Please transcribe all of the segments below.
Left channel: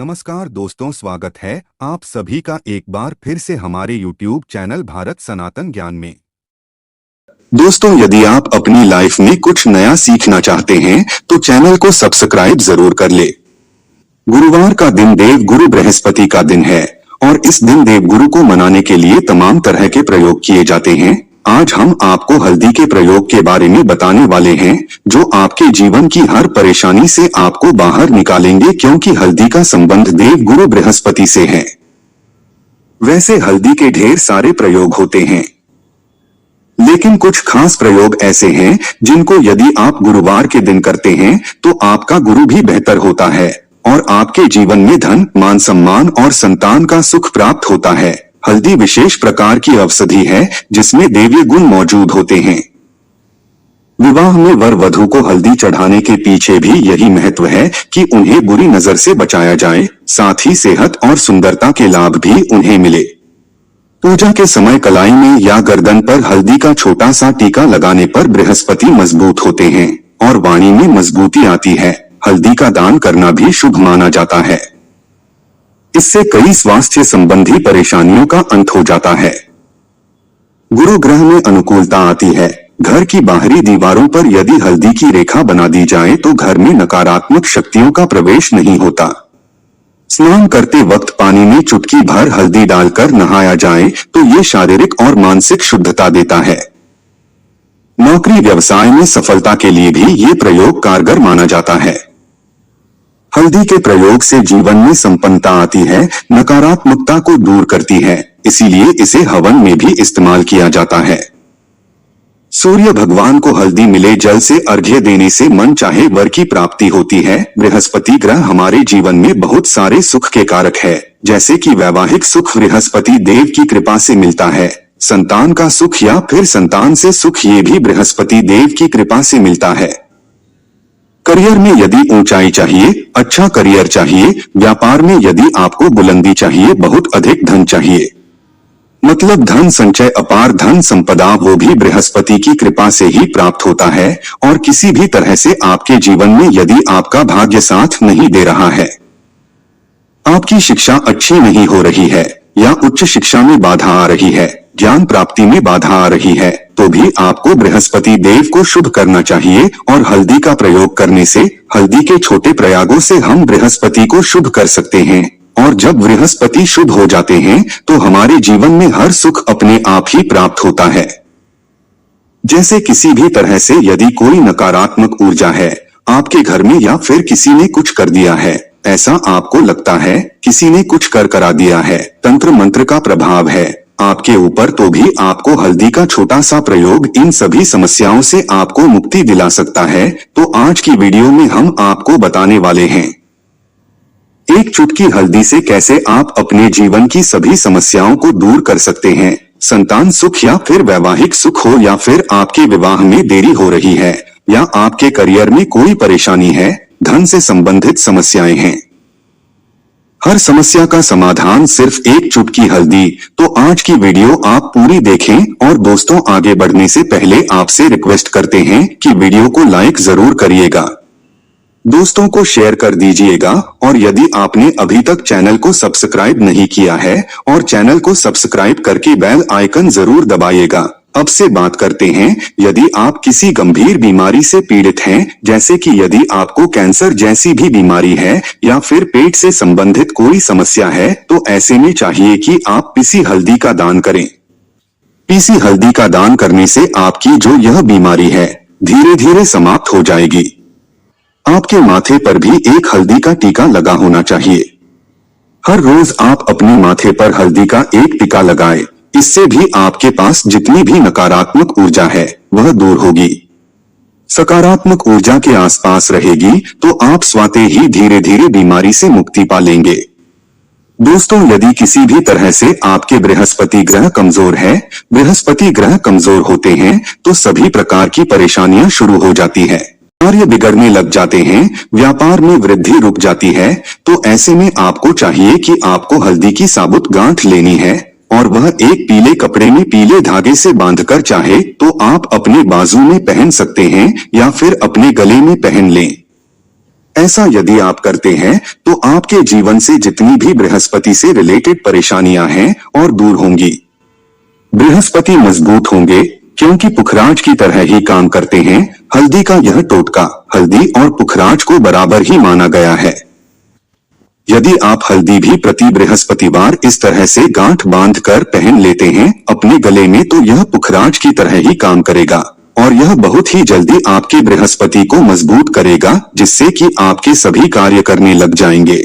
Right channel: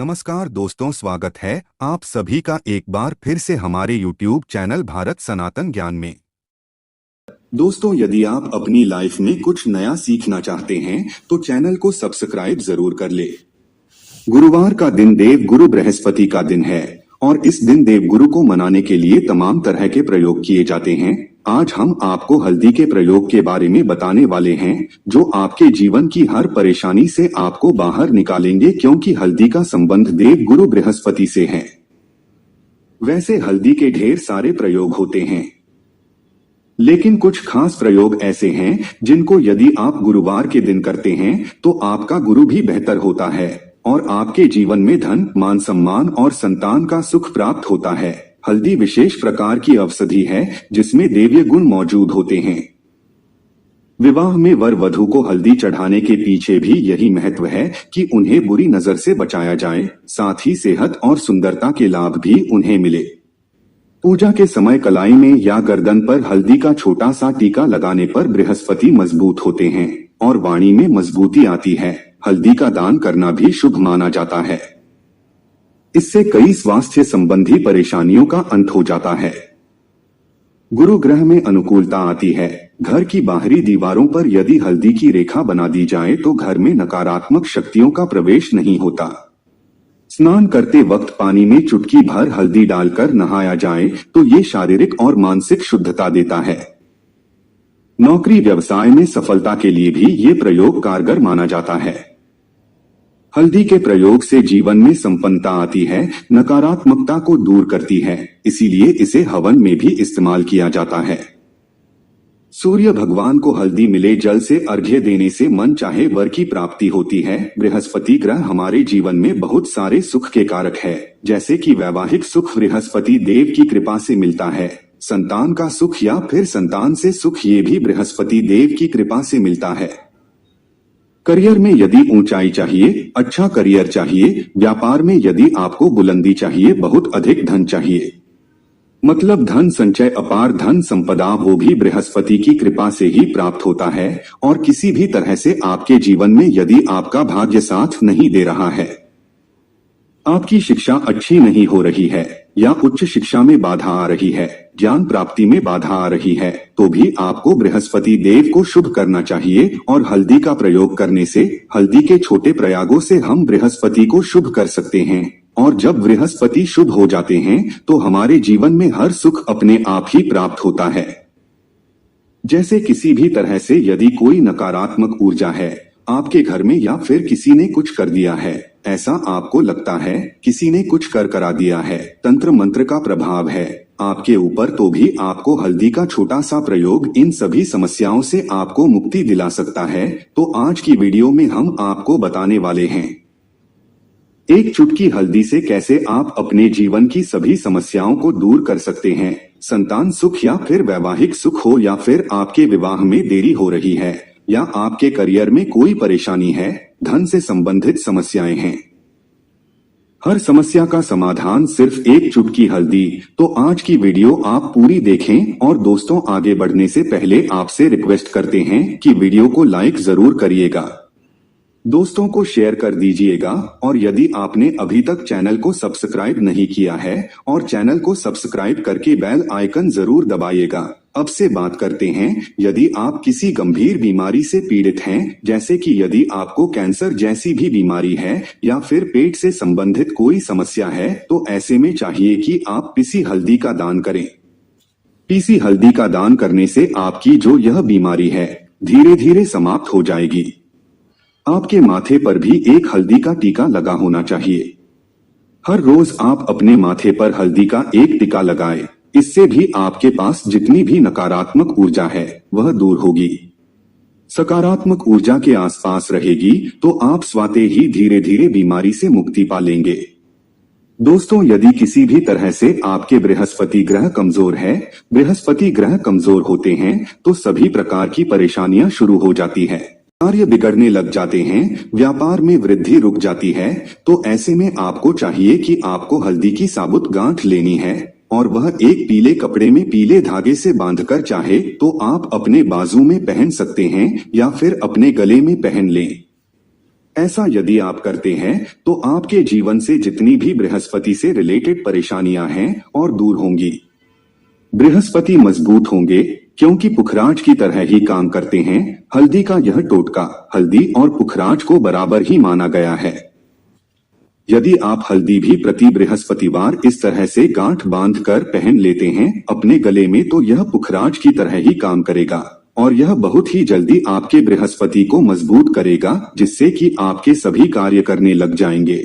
नमस्कार दोस्तों, स्वागत है आप सभी का एक बार फिर से हमारे YouTube चैनल भारत सनातन ज्ञान में। दोस्तों, यदि आप अपनी लाइफ में कुछ नया सीखना चाहते हैं तो चैनल को सब्सक्राइब जरूर कर ले। गुरुवार का दिन देव गुरु बृहस्पति का दिन है और इस दिन देव गुरु को मनाने के लिए तमाम तरह के प्रयोग किए जाते हैं। आज हम आपको हल्दी के प्रयोग के बारे में बताने वाले हैं जो आपके जीवन की हर परेशानी से आपको बाहर निकालेंगे, क्योंकि हल्दी का संबंध देव गुरु बृहस्पति से है। वैसे हल्दी के ढेर सारे प्रयोग होते हैं, लेकिन कुछ खास प्रयोग ऐसे हैं जिनको यदि आप गुरुवार के दिन करते हैं तो आपका गुरु भी बेहतर होता है और आपके जीवन में धन, मान सम्मान और संतान का सुख प्राप्त होता है। हल्दी विशेष प्रकार की औषधि है जिसमें दैवीय गुण मौजूद होते हैं। विवाह में वर वधू को हल्दी चढ़ाने के पीछे भी यही महत्व है कि उन्हें बुरी नजर से बचाया जाए, साथ ही सेहत और सुंदरता के लाभ भी उन्हें मिले। पूजा के समय कलाई में या गर्दन पर हल्दी का छोटा सा टीका लगाने पर बृहस्पति मजबूत होते हैं और वाणी में मजबूती आती है। हल्दी का दान करना भी शुभ माना जाता है। इससे कई स्वास्थ्य संबंधी परेशानियों का अंत हो जाता है। गुरु ग्रह में अनुकूलता आती है। घर की बाहरी दीवारों पर यदि हल्दी की रेखा बना दी जाए तो घर में नकारात्मक शक्तियों का प्रवेश नहीं होता। स्नान करते वक्त पानी में चुटकी भर हल्दी डालकर नहाया जाए तो ये शारीरिक और मानसिक शुद्धता देता है। नौकरी व्यवसाय में सफलता के लिए भी ये प्रयोग कारगर माना जाता है। हल्दी के प्रयोग से जीवन में संपन्नता आती है, नकारात्मकता को दूर करती है, इसीलिए इसे हवन में भी इस्तेमाल किया जाता है। सूर्य भगवान को हल्दी मिले जल से अर्घ्य देने से मन चाहे वर की प्राप्ति होती है। बृहस्पति ग्रह हमारे जीवन में बहुत सारे सुख के कारक है, जैसे कि वैवाहिक सुख बृहस्पति देव की कृपा से मिलता है। संतान का सुख या फिर संतान से सुख ये भी बृहस्पति देव की कृपा से मिलता है। करियर में यदि ऊंचाई चाहिए, अच्छा करियर चाहिए, व्यापार में यदि आपको बुलंदी चाहिए, बहुत अधिक धन चाहिए, मतलब धन संचय, अपार धन संपदा, वो भी बृहस्पति की कृपा से ही प्राप्त होता है। और किसी भी तरह से आपके जीवन में यदि आपका भाग्य साथ नहीं दे रहा है, आपकी शिक्षा अच्छी नहीं हो रही है या उच्च शिक्षा में बाधा आ रही है, ज्ञान प्राप्ति में बाधा आ रही है, तो भी आपको बृहस्पति देव को शुभ करना चाहिए। और हल्दी का प्रयोग करने से, हल्दी के छोटे प्रयोगों से हम बृहस्पति को शुभ कर सकते हैं। और जब बृहस्पति शुभ हो जाते हैं तो हमारे जीवन में हर सुख अपने आप ही प्राप्त होता है। जैसे किसी भी तरह से यदि कोई नकारात्मक ऊर्जा है आपके घर में या फिर किसी ने कुछ कर दिया है, ऐसा आपको लगता है किसी ने कुछ कर करा दिया है, तंत्र मंत्र का प्रभाव है आपके ऊपर, तो भी आपको हल्दी का छोटा सा प्रयोग इन सभी समस्याओं से आपको मुक्ति दिला सकता है। तो आज की वीडियो में हम आपको बताने वाले हैं एक चुटकी हल्दी से कैसे आप अपने जीवन की सभी समस्याओं को दूर कर सकते हैं। संतान सुख या फिर वैवाहिक सुख हो, या फिर आपके विवाह में देरी हो रही है, या आपके करियर में कोई परेशानी है, धन से संबंधित समस्याएं हैं, हर समस्या का समाधान सिर्फ एक चुटकी हल्दी। तो आज की वीडियो आप पूरी देखें। और दोस्तों, आगे बढ़ने से पहले आपसे रिक्वेस्ट करते हैं कि वीडियो को लाइक जरूर करिएगा, दोस्तों को शेयर कर दीजिएगा, और यदि आपने अभी तक चैनल को सब्सक्राइब नहीं किया है और चैनल को सब्सक्राइब करके बेल आइकन जरूर दबाइएगा। अब से बात करते हैं, यदि आप किसी गंभीर बीमारी से पीड़ित हैं, जैसे कि यदि आपको कैंसर जैसी भी बीमारी है या फिर पेट से संबंधित कोई समस्या है, तो ऐसे में चाहिए कि आप पीसी हल्दी का दान करें। पीसी हल्दी का दान करने से आपकी जो यह बीमारी है धीरे धीरे समाप्त हो जाएगी। आपके माथे पर भी एक हल्दी का टीका लगा होना चाहिए। हर रोज आप अपने माथे पर हल्दी का एक टीका लगाएं। इससे भी आपके पास जितनी भी नकारात्मक ऊर्जा है वह दूर होगी, सकारात्मक ऊर्जा के आसपास रहेगी, तो आप स्वतः ही धीरे धीरे बीमारी से मुक्ति पा लेंगे। दोस्तों, यदि किसी भी तरह से आपके बृहस्पति ग्रह कमजोर है, बृहस्पति ग्रह कमजोर होते हैं तो सभी प्रकार की परेशानियां शुरू हो जाती है, कार्य बिगड़ने लग जाते हैं, व्यापार में वृद्धि रुक जाती है। तो ऐसे में आपको चाहिए कि आपको हल्दी की साबुत गांठ लेनी है और वह एक पीले कपड़े में पीले धागे से बांधकर चाहे तो आप अपने बाजू में पहन सकते हैं या फिर अपने गले में पहन लें। ऐसा यदि आप करते हैं तो आपके जीवन से जितनी भी बृहस्पति से रिलेटेड परेशानियां हैं और दूर होंगी। बृहस्पति मजबूत होंगे क्योंकि पुखराज की तरह ही काम करते हैं। हल्दी का यह टोटका हल्दी और पुखराज को बराबर ही माना गया है। यदि आप हल्दी भी प्रति बृहस्पतिवार इस तरह से गांठ बांध कर पहन लेते हैं अपने गले में, तो यह पुखराज की तरह ही काम करेगा और यह बहुत ही जल्दी आपके बृहस्पति को मजबूत करेगा, जिससे कि आपके सभी कार्य करने लग जाएंगे।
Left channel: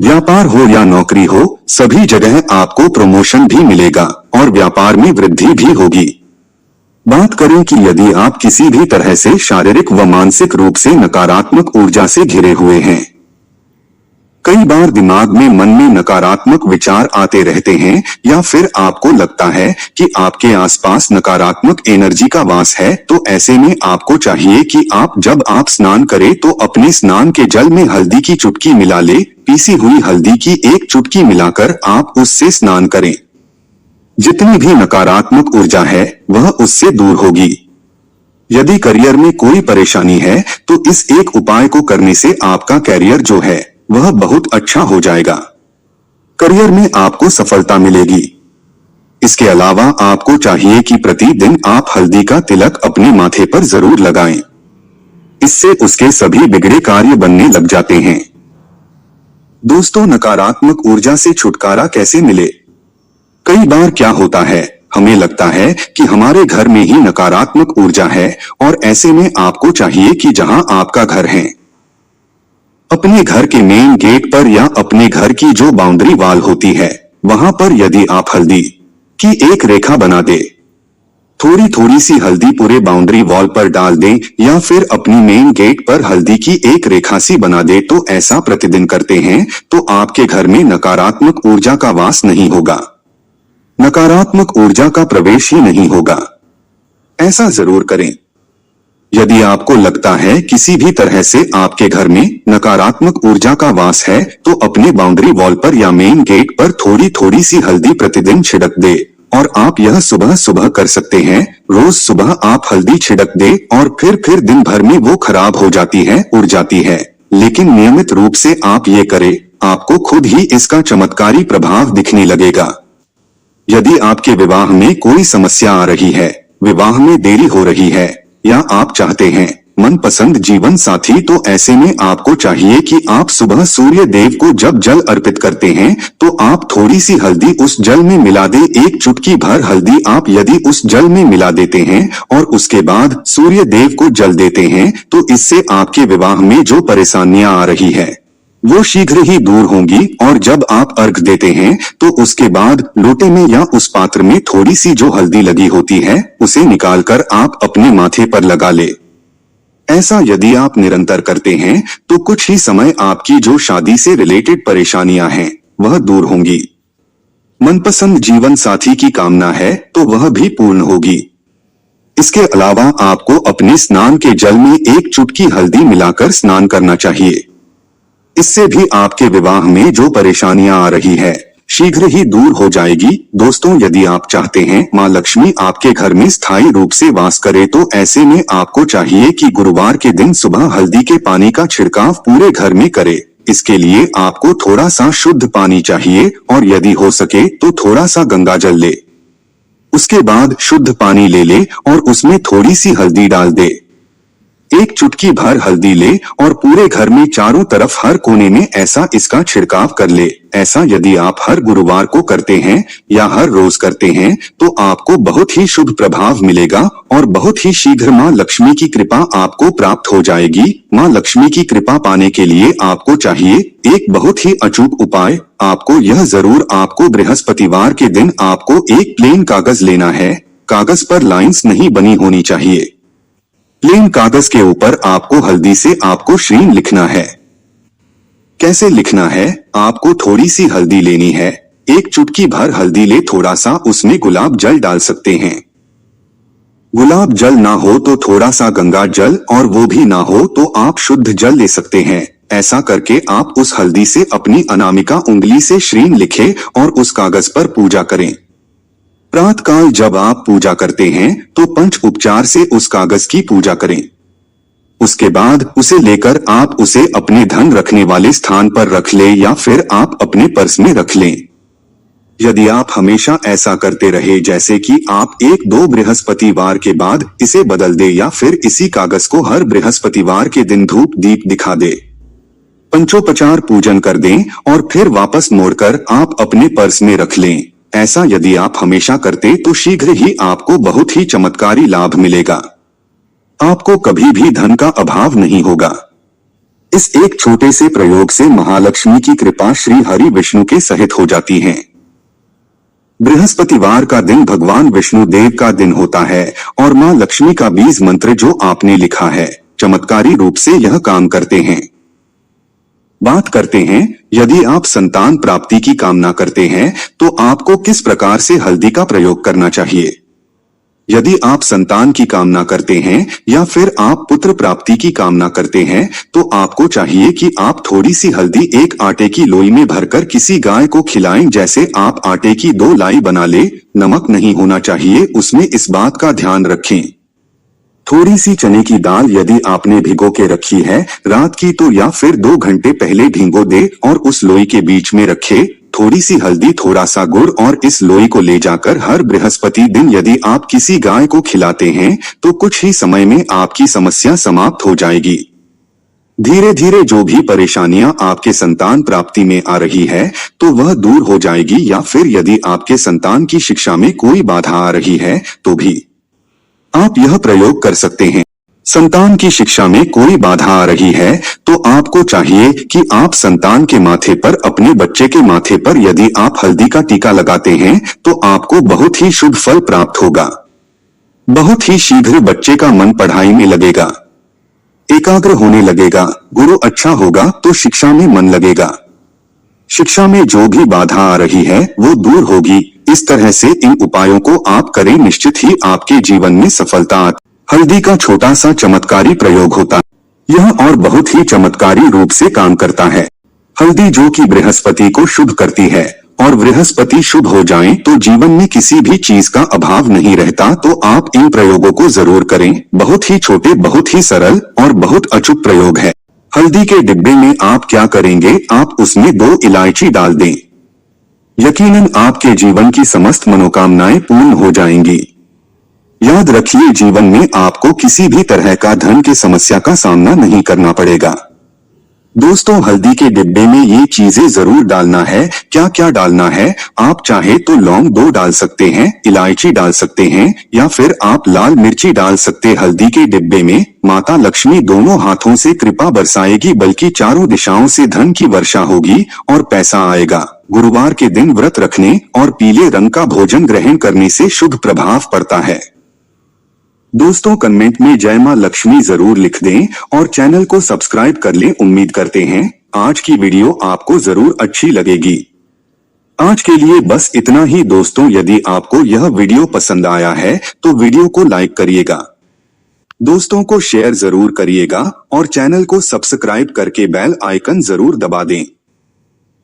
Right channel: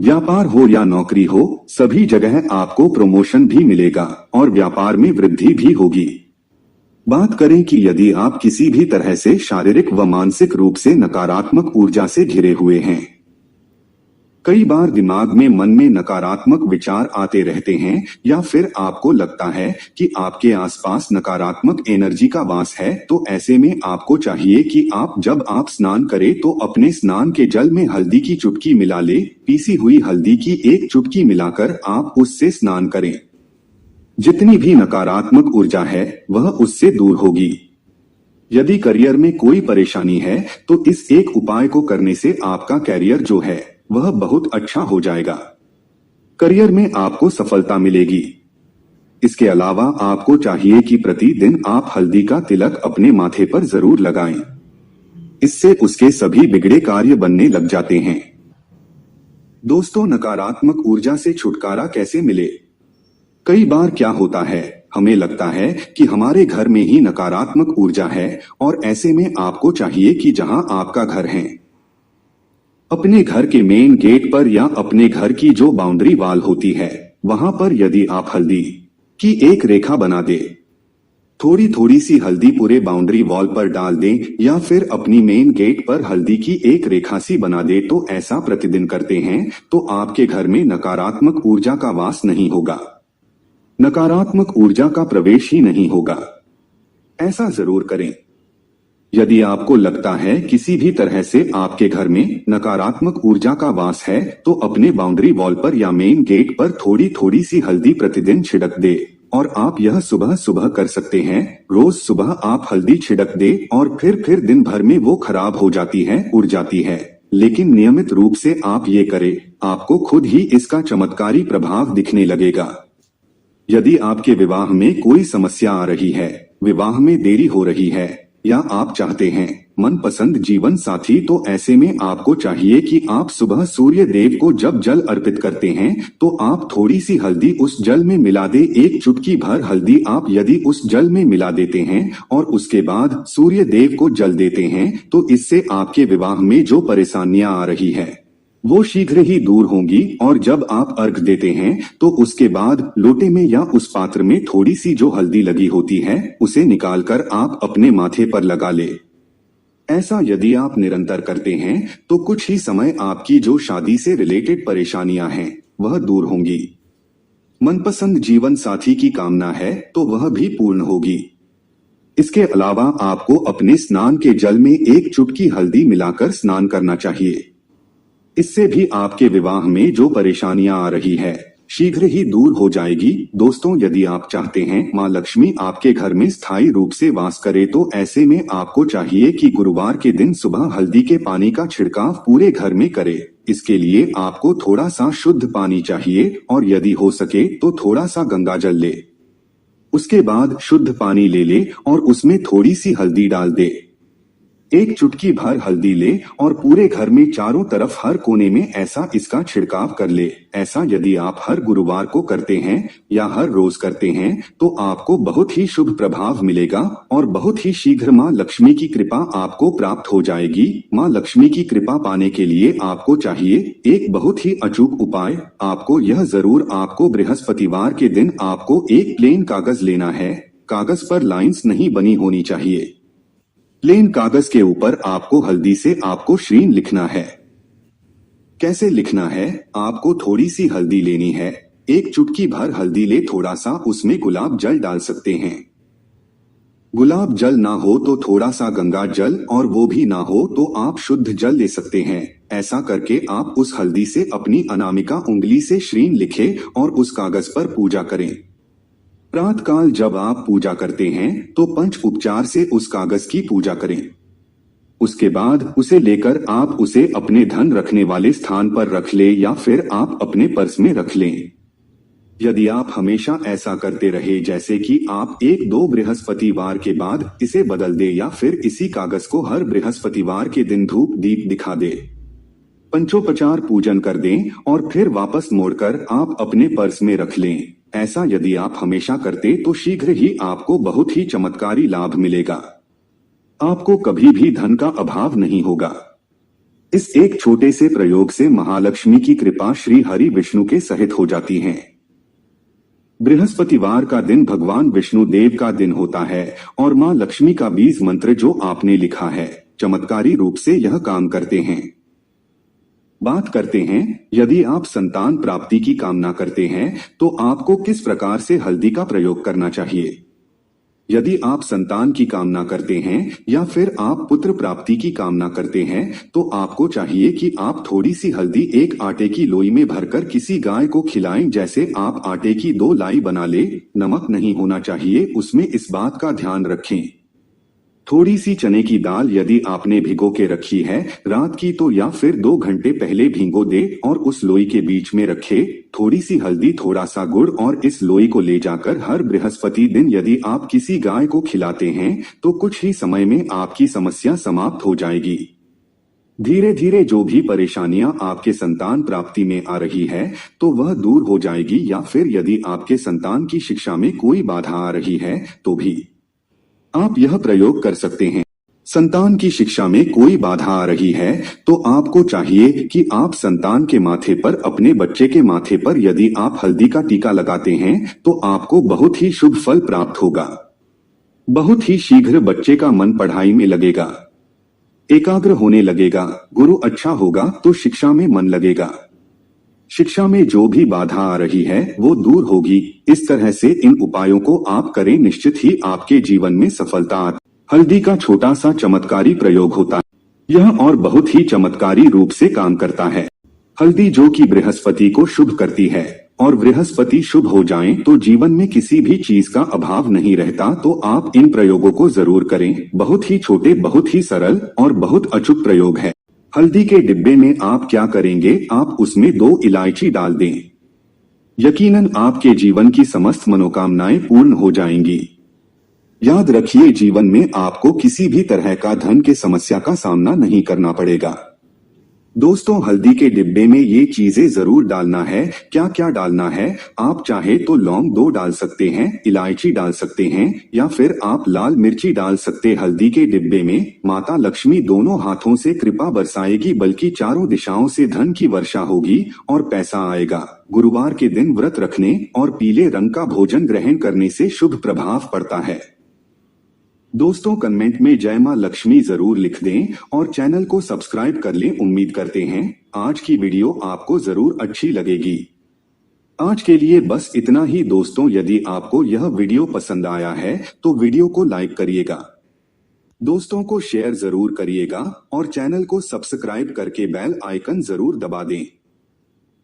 व्यापार हो या नौकरी हो, सभी जगह आपको प्रमोशन भी मिलेगा और व्यापार में वृद्धि भी होगी। बात करें कि यदि आप किसी भी तरह से शारीरिक व मानसिक रूप से नकारात्मक ऊर्जा से घिरे हुए हैं, कई बार दिमाग में मन में नकारात्मक विचार आते रहते हैं या फिर आपको लगता है कि आपके आसपास नकारात्मक एनर्जी का वास है, तो ऐसे में आपको चाहिए कि जब आप स्नान करें तो अपने स्नान के जल में हल्दी की चुटकी मिला ले। पीसी हुई हल्दी की एक चुटकी मिलाकर आप उससे स्नान करें। जितनी भी नकारात्मक ऊर्जा है वह उससे दूर होगी। यदि करियर में कोई परेशानी है तो इस एक उपाय को करने से आपका करियर जो है वह बहुत अच्छा हो जाएगा। करियर में आपको सफलता मिलेगी। इसके अलावा आपको चाहिए कि प्रतिदिन आप हल्दी का तिलक अपने माथे पर जरूर लगाएं। इससे उसके सभी बिगड़े कार्य बनने लग जाते हैं। दोस्तों, नकारात्मक ऊर्जा से छुटकारा कैसे मिले? कई बार क्या होता है, हमें लगता है कि हमारे घर में ही नकारात्मक ऊर्जा है और ऐसे में आपको चाहिए कि जहां आपका घर है, अपने घर के मेन गेट पर या अपने घर की जो बाउंड्री वॉल होती है वहां पर यदि आप हल्दी की एक रेखा बना दे, थोड़ी थोड़ी सी हल्दी पूरे बाउंड्री वॉल पर डाल दें या फिर अपनी मेन गेट पर हल्दी की एक रेखा सी बना दे, तो ऐसा प्रतिदिन करते हैं तो आपके घर में नकारात्मक ऊर्जा का वास नहीं होगा, नकारात्मक ऊर्जा का प्रवेश ही नहीं होगा। ऐसा जरूर करें। यदि आपको लगता है किसी भी तरह से आपके घर में नकारात्मक ऊर्जा का वास है, तो अपने बाउंड्री वॉल पर या मेन गेट पर थोड़ी थोड़ी सी हल्दी प्रतिदिन छिड़क दे और आप यह सुबह सुबह कर सकते हैं। रोज सुबह आप हल्दी छिड़क दे और फिर दिन भर में वो खराब हो जाती है, उड़ जाती है, लेकिन नियमित रूप से आप ये करें, आपको खुद ही इसका चमत्कारी प्रभाव दिखने लगेगा। यदि आपके विवाह में कोई समस्या आ रही है, विवाह में देरी हो रही है या आप चाहते हैं मनपसंद जीवन साथी, तो ऐसे में आपको चाहिए कि आप सुबह सूर्य देव को जब जल अर्पित करते हैं तो आप थोड़ी सी हल्दी उस जल में मिला दे। एक चुटकी भर हल्दी आप यदि उस जल में मिला देते हैं और उसके बाद सूर्य देव को जल देते हैं, तो इससे आपके विवाह में जो परेशानियां आ रही है वो शीघ्र ही दूर होंगी। और जब आप अर्घ देते हैं तो उसके बाद लोटे में या उस पात्र में थोड़ी सी जो हल्दी लगी होती है उसे निकालकर आप अपने माथे पर लगा ले। ऐसा यदि आप निरंतर करते हैं तो कुछ ही समय आपकी जो शादी से रिलेटेड परेशानियां हैं वह दूर होंगी। मनपसंद जीवन साथी की कामना है तो वह भी पूर्ण होगी। इसके अलावा आपको अपने स्नान के जल में एक चुटकी हल्दी मिलाकर स्नान करना चाहिए। इससे भी आपके विवाह में जो परेशानियां आ रही है शीघ्र ही दूर हो जाएगी। दोस्तों, यदि आप चाहते हैं मां लक्ष्मी आपके घर में स्थायी रूप से वास करे, तो ऐसे में आपको चाहिए कि गुरुवार के दिन सुबह हल्दी के पानी का छिड़काव पूरे घर में करे। इसके लिए आपको थोड़ा सा शुद्ध पानी चाहिए और यदि हो सके तो थोड़ा सा गंगा जल ले। उसके बाद शुद्ध पानी ले ले और उसमें थोड़ी सी हल्दी डाल दे। एक चुटकी भर हल्दी ले और पूरे घर में चारों तरफ हर कोने में ऐसा इसका छिड़काव कर ले। ऐसा यदि आप हर गुरुवार को करते हैं या हर रोज करते हैं तो आपको बहुत ही शुभ प्रभाव मिलेगा और बहुत ही शीघ्र मां लक्ष्मी की कृपा आपको प्राप्त हो जाएगी। मां लक्ष्मी की कृपा पाने के लिए आपको चाहिए एक बहुत ही अचूक उपाय। आपको बृहस्पतिवार के दिन आपको एक प्लेन कागज लेना है। कागज पर लाइंस नहीं बनी होनी चाहिए। प्लेन कागज के ऊपर आपको हल्दी से आपको श्रीम लिखना है। कैसे लिखना है? आपको थोड़ी सी हल्दी लेनी है, एक चुटकी भर हल्दी ले, थोड़ा सा उसमें गुलाब जल डाल सकते हैं। गुलाब जल ना हो तो थोड़ा सा गंगा जल और वो भी ना हो तो आप शुद्ध जल ले सकते हैं। ऐसा करके आप उस हल्दी से अपनी अनामिका उंगली से श्रीम लिखें और उस कागज पर पूजा करें। प्रातःकाल जब आप पूजा करते हैं तो पंच उपचार से उस कागज की पूजा करें। उसके बाद उसे लेकर आप उसे अपने धन रखने वाले स्थान पर रख ले या फिर आप अपने पर्स में रख लें। यदि आप हमेशा ऐसा करते रहे जैसे कि आप 1-2 बृहस्पतिवार के बाद इसे बदल दे या फिर इसी कागज को हर बृहस्पतिवार के दिन धूप दीप दिखा दे, पंचोपचार पूजन कर दें और फिर वापस मोड़कर आप अपने पर्स में रख लें। ऐसा यदि आप हमेशा करते तो शीघ्र ही आपको बहुत ही चमत्कारी लाभ मिलेगा। आपको कभी भी धन का अभाव नहीं होगा। इस एक छोटे से प्रयोग से महालक्ष्मी की कृपा श्री हरि विष्णु के सहित हो जाती है। बृहस्पतिवार का दिन भगवान विष्णु देव का दिन होता है और मां लक्ष्मी का बीज मंत्र जो आपने लिखा है चमत्कारी रूप से यह काम करते हैं। बात करते हैं, यदि आप संतान प्राप्ति की कामना करते हैं तो आपको किस प्रकार से हल्दी का प्रयोग करना चाहिए। यदि आप संतान की कामना करते हैं या फिर आप पुत्र प्राप्ति की कामना करते हैं तो आपको चाहिए कि आप थोड़ी सी हल्दी एक आटे की लोई में भरकर किसी गाय को खिलाएं। जैसे आप आटे की 2 लाई बना ले, नमक नहीं होना चाहिए उसमें, इस बात का ध्यान रखें। थोड़ी सी चने की दाल यदि आपने भिगो के रखी है रात की तो या फिर 2 घंटे पहले भिगो दे और उस लोई के बीच में रखे थोड़ी सी हल्दी, थोड़ा सा गुड़ और इस लोई को ले जाकर हर बृहस्पति दिन यदि आप किसी गाय को खिलाते हैं तो कुछ ही समय में आपकी समस्या समाप्त हो जाएगी। धीरे धीरे जो भी परेशानियां आपके संतान प्राप्ति में आ रही है तो वह दूर हो जाएगी। या फिर यदि आपके संतान की शिक्षा में कोई बाधा आ रही है तो भी आप यह प्रयोग कर सकते हैं। संतान की शिक्षा में कोई बाधा आ रही है तो आपको चाहिए कि आप संतान के माथे पर, अपने बच्चे के माथे पर यदि आप हल्दी का टीका लगाते हैं तो आपको बहुत ही शुभ फल प्राप्त होगा। बहुत ही शीघ्र बच्चे का मन पढ़ाई में लगेगा, एकाग्र होने लगेगा, गुरु अच्छा होगा तो शिक्षा में मन लगेगा। शिक्षा में जो भी बाधा आ रही है वो दूर होगी। इस तरह से इन उपायों को आप करें, निश्चित ही आपके जीवन में सफलता आती। हल्दी का छोटा सा चमत्कारी प्रयोग होता है, यह और बहुत ही चमत्कारी रूप से काम करता है। हल्दी जो कि बृहस्पति को शुभ करती है और बृहस्पति शुभ हो जाएं तो जीवन में किसी भी चीज का अभाव नहीं रहता। तो आप इन प्रयोगों को जरूर करें। बहुत ही छोटे, बहुत ही सरल और बहुत अचूक प्रयोग है। हल्दी के डिब्बे में आप क्या करेंगे, आप उसमें 2 इलायची डाल दें। यकीनन आपके जीवन की समस्त मनोकामनाएं पूर्ण हो जाएंगी। याद रखिए, जीवन में आपको किसी भी तरह का धन की समस्या का सामना नहीं करना पड़ेगा। दोस्तों, हल्दी के डिब्बे में ये चीजें जरूर डालना है। क्या क्या डालना है, आप चाहे तो लौंग 2 डाल सकते हैं, इलायची डाल सकते हैं या फिर आप लाल मिर्ची डाल सकते। हल्दी के डिब्बे में माता लक्ष्मी दोनों हाथों से कृपा बरसाएगी, बल्कि चारों दिशाओं से धन की वर्षा होगी और पैसा आएगा। गुरुवार के दिन व्रत रखने और पीले रंग का भोजन ग्रहण करने से शुभ प्रभाव पड़ता है। दोस्तों, कमेंट में जय मां लक्ष्मी जरूर लिख दें और चैनल को सब्सक्राइब कर लें। उम्मीद करते हैं आज की वीडियो आपको जरूर अच्छी लगेगी। आज के लिए बस इतना ही दोस्तों। यदि आपको यह वीडियो पसंद आया है तो वीडियो को लाइक करिएगा, दोस्तों को शेयर जरूर करिएगा और चैनल को सब्सक्राइब करके बेल आइकन जरूर दबा दें।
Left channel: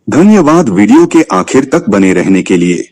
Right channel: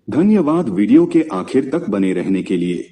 धन्यवाद वीडियो के आखिर तक बने रहने के लिए।